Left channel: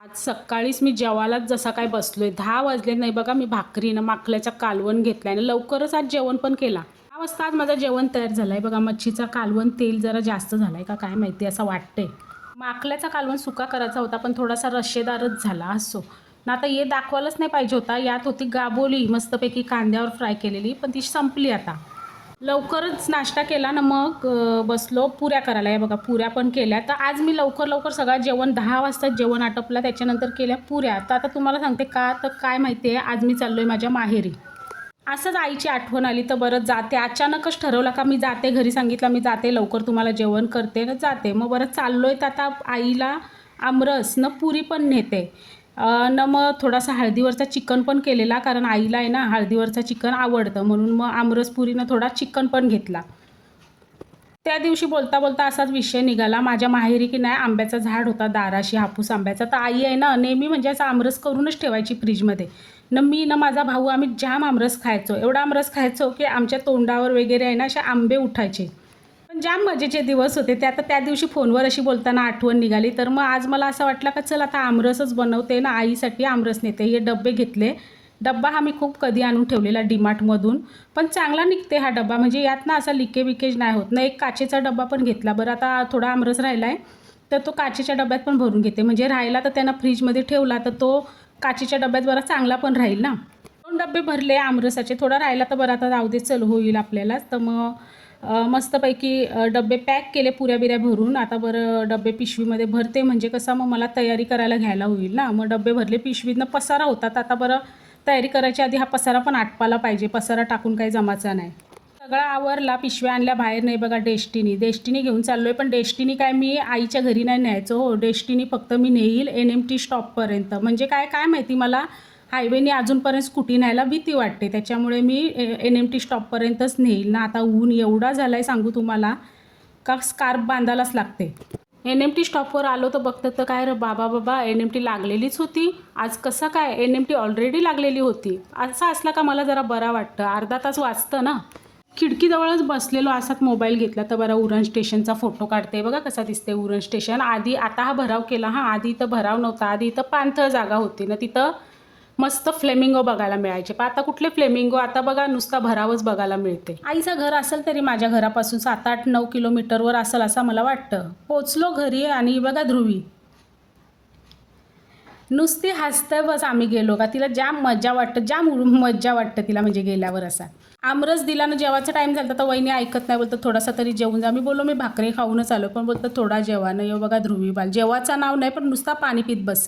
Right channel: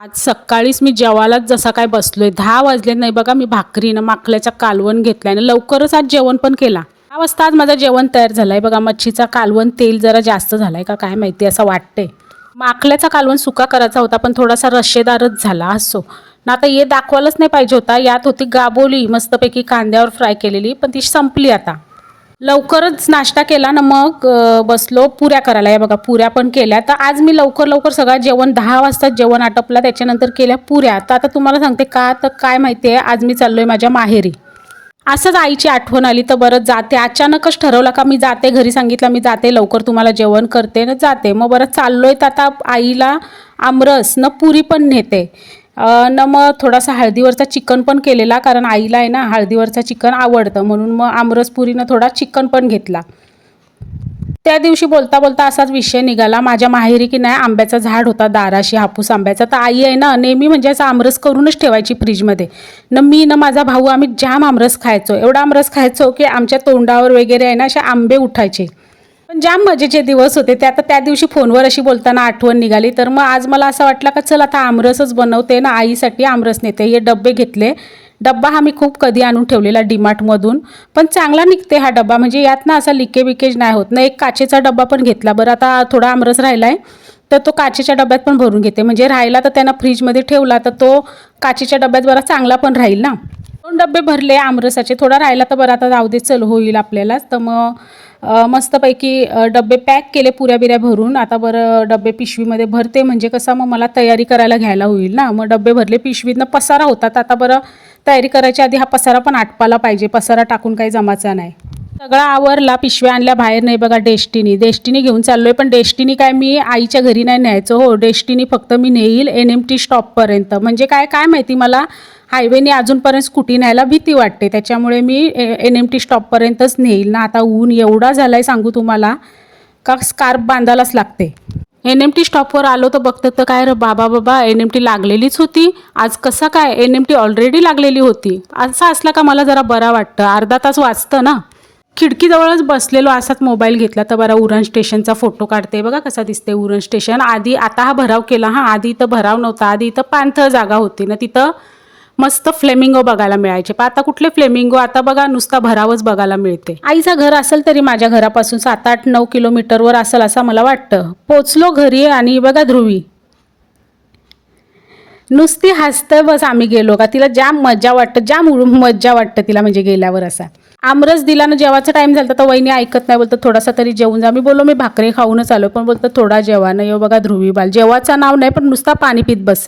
आज सकाळीच मी जेवायलाच जसा काय बसलोय 10 वाजले नाही बघा. मी भाकरीनं माकल्याचा कालवण घेतलाय आणि लवकरच आज जेवण पण केला. 10 वाजता आज माझं जेवण तयार झालंय बघा. मच्छीचा कालवण तेल जरा जास्त झालाय का काय माहिती, असं वाटतंय. माकल्याचा कालवण सुका करायचा होता पण थोडासा रश्शेदारच झाला. असो ना, आता हे दाखवायलाच नाही पाहिजे होता. यात होती गाबोली मस्तपैकी कांद्यावर फ्राय केलेली, पण ती संपली आता. लवकरच नाश्ता केला ना, मग बसलो पुऱ्या करायला. या बघा पुऱ्या पण केल्या. तर आज मी लवकर सगळं जेवण 10 वाजता जेवण आटपला, त्याच्यानंतर केल्या पुऱ्या. तर आता तुम्हाला सांगते का, तर काय माहिती आहे, आज मी चाललोय माझ्या माहेरी. असंच आईची आठवण आली तर बरं जाते. अचानकच ठरवलं का मी जाते, घरी सांगितलं मी जाते लवकर, तुम्हाला जेवण करते ना जाते. मग बरं चाललोय तर आता आईला आमरस न पुरी पण नेते न, मग थोडासा हळदीवरचा चिकन पण केलेला, कारण आईला आहे ना हळदीवरचा चिकन आवडतं, म्हणून मग आमरस पुरीनं थोडा चिकन पण घेतला. त्या दिवशी बोलता बोलता असाच विषय निघाला. माझ्या माहेरी की नाही आंब्याचा झाड होता दाराशी, हापूस आंब्याचा. तर आई आहे ना नेहमी म्हणजे असं आमरस करूनच ठेवायची फ्रीजमध्ये. न मी न माझा भाऊ आम्ही जाम आमरस खायचो, एवढा आमरस खायचो की आमच्या तोंडावर वगैरे आहे ना असे आंबे उठायचे. पण जाम मजेचे दिवस होते ते. आता त्या दिवशी फोनवर अशी बोलताना आठवण निघाली, तर मग आज मला असं वाटलं का चल आता आमरसच बनवते ना, आईसाठी आमरस नेते. हे डबे घेतले. डब्बा हा मी खूप कधी आणून ठेवलेला डीमार्टमधून, पण चांगला निघते हा डब्बा, म्हणजे यात ना असा लिकेज नाही होत ना. एक काचेचा डब्बा पण घेतला. बरं आता थोडा आमरस राहिला आहे तर तो काचेच्या डब्यात पण भरून घेते, म्हणजे राहिला तर त्यांना फ्रीजमध्ये ठेवला तर तो काचेच्या डब्यात बरा चांगला पण राहील ना. 2 डबे भरले आमरसाचे, थोडा राहिला तर बरं आता जाऊ दे, चल होईल आपल्यालाच. तर मग मस्तपैकी डबे पॅक केले पुऱ्या बिऱ्या भरून. आता बरं डबे पिशवीमध्ये भरते, म्हणजे कसं मग मला तयारी करायला घ्यायला होईल ना. मग डबे भरले, पिशवीतनं पसारा होता. तर आता बरं तयारी करायच्या आधी हा पसारा पण आटपायला पाहिजे, पसारा टाकून काही जमाचा नाही. सगळा आवरला, पिशव्या आणल्या बाहेर. नाही बघा डेस्टिनी घेऊन चाललोय, पण डेस्टिनी काय मी आईच्या घरी नाही न्यायचं हो. डेस्टिनी फक्त मी नेईल NMT स्टॉपपर्यंत. म्हणजे काय माहिती, मला हायवेने अजूनपर्यंत स्कूटी न्यायला भीती वाटते, त्याच्यामुळे मी NMT स्टॉपपर्यंतच नेईल ना. आता ऊन एवढा झाला आहे सांगू तुम्हाला, का स्कार्फ बांधायलाच लागते. NMT स्टॉपवर आलो तर बघतं तर काय रे बाबा NMT लागलेलीच होती. आज कसा काय NMT ऑलरेडी लागलेली होती. असं असलं का मला जरा बरं वाटतं, अर्धा तास वाचतं ना. खिडकीजवळच बसलेलो, असाच मोबाईल घेतला तर बरा उरण स्टेशनचा फोटो काढते. बघा कसा दिसते उरण स्टेशन. आधी आता हा भराव केला हा, आधी इथं भराव नव्हता. आधी इथं पाणथळ जागा होती ना, तिथं मस्त फ्लेमिंगो बघायला मिळायचे. पण आता कुठले फ्लेमिंगो, आता बघा नुसता भरावच बघायला मिळते. आईचं घर असेल तरी माझ्या घरापासून 7-8-9 किलोमीटरवर असेल असं मला वाटतं. पोचलो घरी आणि बघा ध्रुवी नुसती हसतं बस. आम्ही गेलो का तिला जाम मजा वाटतं तिला, म्हणजे गेल्यावर असा. आमरस दिला ना, जेवायचा टाइम झाला तर वहिनी ऐकत नाही, बोलतं थोडासा तरी जेवून जा. मी बोललो मी भाकरी खाऊनच आलो, पण बोलतं थोडा जेवा. नाही बघा ध्रुवी बाल जेवायचं नाव नाही, पण नुसता पाणी पित बस.